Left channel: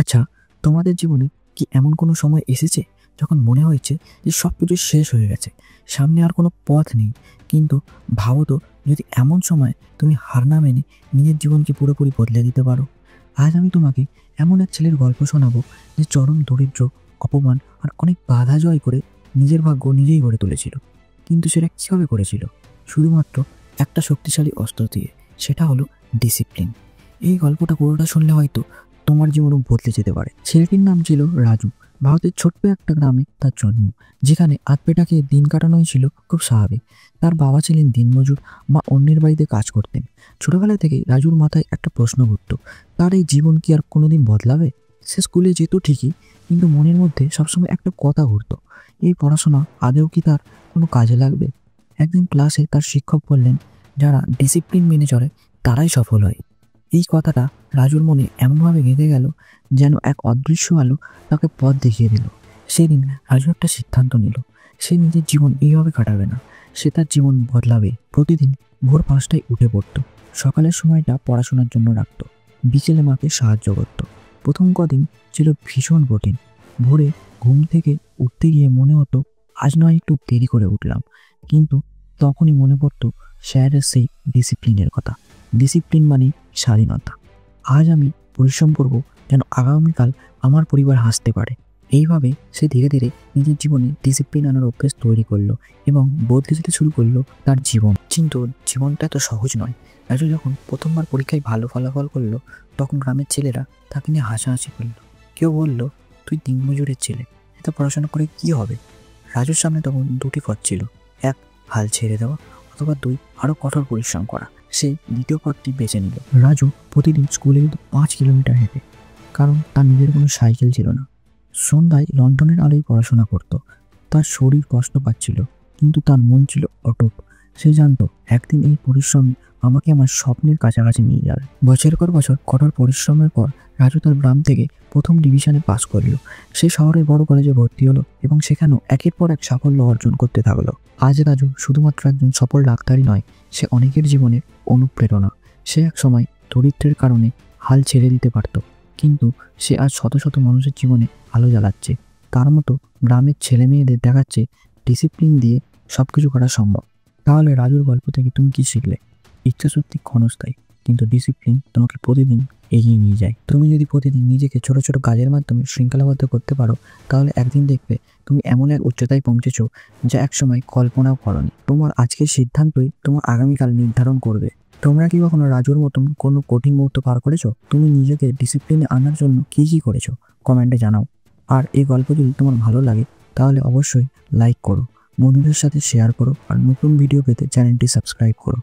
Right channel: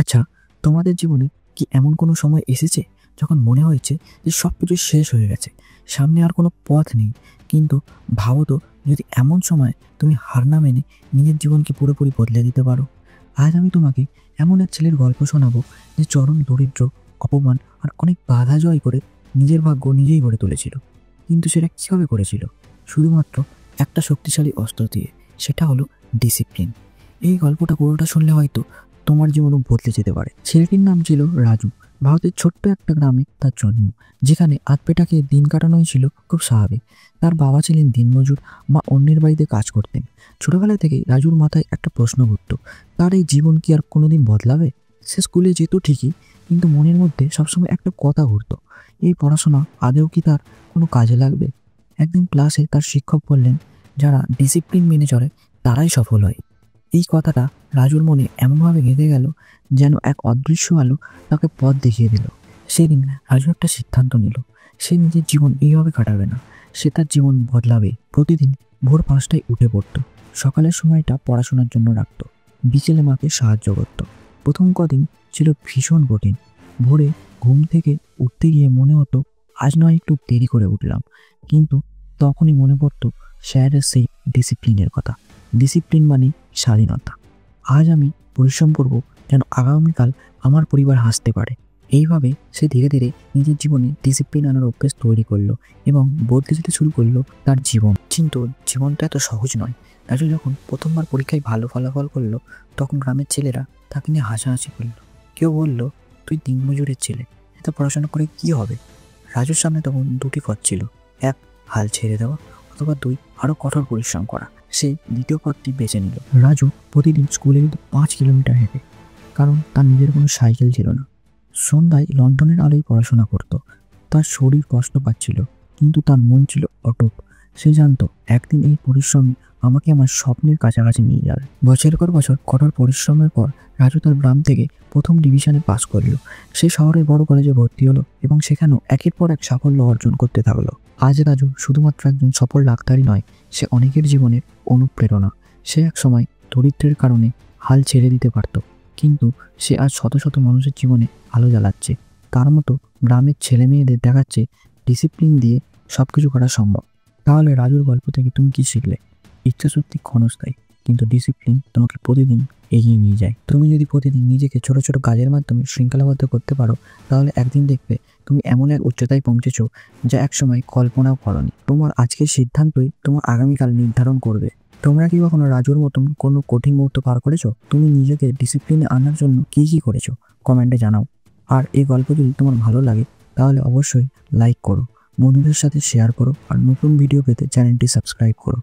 আচ্ছা, তোমাদের জীবনে কি এমন কোনো সময় এসেছে যখন মনে হয়েছে যে সব কিছু শেষ হয়ে গেছে, সামনে আর কোনো পথ নেই, কিন্তু ভাবো তো, যদি এমন সময় তুমি হার না মেনে নিজের জীবনকে পুরোপুরি বদলে দিতে পারো? আজ আমি তোমাকে এমন এক ছেলের গল্প শোনাবো যে চরম দরিদ্র, অপমান আর অনেক বাধা জয় করে নিজের ভাগ্য নিজেই গড়ে তুলেছিল। কিন্তু সেটা কিভাবে করেছিল? শুধুমাত্র একটা শক্তিশালী অস্ত্র দিয়ে, সেটা হলো ডিসিপ্লিন। এই গল্পটা পুরোটা শুনলে হয়তো তোমার জীবনও বদলে যেতে পারে। ছেলেটির নাম ছিল রাজু। ভারতের ছোট্ট একটা গ্রামে তার জন্ম, যেখানে আধপেটাকে দিন কাটানোই ছিল খুব স্বাভাবিক। তার বাবা ছিলেন দিনমজুর, মা অন্যের বাড়িতে কাজ করতেন। ছোটবেলা থেকেই রাজুর মাথায় একটা প্রশ্ন ঘুরত, তার এই জীবন কি আর কোনোদিন বদলাবে? সে স্কুলে যেত ঠিকই, কিন্তু মনের মধ্যে সবসময় একটা কথা ঘুরত, এই পড়াশোনা আদেও কি তার কোনো কাজে লাগবে? একদিন ক্লাসে তার শিক্ষক বললেন, যারা ডিসিপ্লিন মেনে চলে তারাই সফল হয়। এই কথাটা রাজুর মনে এমনভাবে গেঁথে গেল যেন এক অদৃশ্য আলো তাকে পথ দেখিয়ে দিল। সেদিন রাজু একটা সিদ্ধান্ত নিল, সে নিজের জীবন এইভাবে কাটাবে না, সে তার জীবন বদলাবে। প্রতিদিন ভোর 5টায় উঠে পড়ত, সকালের সময়টা পড়াশোনার জন্য রাখত, বিকেলে মাকে সাহায্য করত। প্রথম কদিন ছিল ভীষণ কঠিন। ভোরে ঘুম থেকে উঠতে গিয়ে মনে হতো আজ নয় একটু দেরি করে উঠলাম, কিন্তু তখনই মনে পড়তো স্যারের সেই ডিসিপ্লিনের কথা। ডিসিপ্লিন মানে স্বাধীনতা। আজ আমি পরিশ্রম করব যেন আগামীকাল আমার পরিবার হাসতে পারে। এইভাবে সে ধীরে ধীরে নিজের জীবনে ডিসিপ্লিন আনার অভ্যেস তৈরি করলো এবং বদলে যেতে শুরু করলো তার জীবন। কিন্তু জীবনটা এত সহজ নয়। রাজু যখন প্রথমবার পরীক্ষায় ভালো ফলাফল করলো, তখন গ্রামের ছেলেরা তাকে নিয়ে হাসাহাসি করলো। কেউ বলল, তুই দিনমজুরের ছেলে, এত পড়াশোনা করে কি হবে? রাজুর সামনে তখন দুটি পথ ছিল, এক হাল ছেড়ে দেওয়া, অথবা দুই আরো কঠোর পরিশ্রম করা। সে দ্বিতীয় পথটি বেছে নিল। রাজু প্রতিদিন স্কুলে কিন্তু 5 কিলোমিটার হেঁটে, কারণ তার নিজের কোনো সাইকেল ছিল না। সন্ধ্যায় লন্ডনের আলোয় পড়াশোনা করত। তার শরীর কষ্ট পাচ্ছিল, কিন্তু তার মন ছিল অটুট। সে জানতো একদিন এই পরিশ্রম আমাকে আমার স্বপ্নের কাছাকাছি নিয়ে যাবে। বছরের পর বছর কঠোর পরিশ্রমের পর রাজু তার গ্রাম থেকে প্রথম ডিভিশনে পাস করলো। সে শহরের বড় কলেজে ভর্তি হলো এবং সেখানেও একের পর এক সাফল্য অর্জন করতে থাকলো। আজ রাজু শুধুমাত্র একজন সফল ডাক্তারই নয়, সে অনেকের জীবনের অনুপ্রেরণা। সে এক সময় দরিদ্রের কারণে হাল ছেড়ে দিতে পারত, কিন্তু সে আজ শত শত মানুষের জীবনে আলো জ্বালাচ্ছে। তার মতো গ্রামের ছেলে মেয়েদের দেখাচ্ছে ডিসিপ্লিন দিয়ে সবকিছু করা সম্ভব। তাহলে রাজুর গল্প থেকে তুমি কি শিখলে? ইচ্ছা সত্যি ক্ষণস্থায়ী, কিন্তু ডিসিপ্লিন তোমাকে প্রতিদিন এগিয়ে নিয়ে যায়। তুমি যদি প্রতিদিন নিজেকে ছোট ছোট কাজের মাধ্যমে শৃঙ্খলাবদ্ধ করতে পারো, তাহলে একদিন দেখবে তুমি এমন এক উচ্চতায় পৌঁছেছো যা একসময় কল্পনাও করোনি। তোমার আজকের সিদ্ধান্তই তোমার আগামীকাল নির্ধারণ করবে। তোমরা কি কখনো রাজুর মতন কোনো কঠিন মুহূর্ত পার করেছো? তুমি নিজেকে ডিসিপ্লিনে আনার জন্য কি কি করেছো কমেন্টে জানাও। আর এই গল্প যদি তোমার ভালো লাগে তাহলে অবশ্যই লাইক করো, বন্ধুদের সাথে শেয়ার করো, আর নতুন ভিডিও পেতে চ্যানেলটি সাবস্ক্রাইব করো।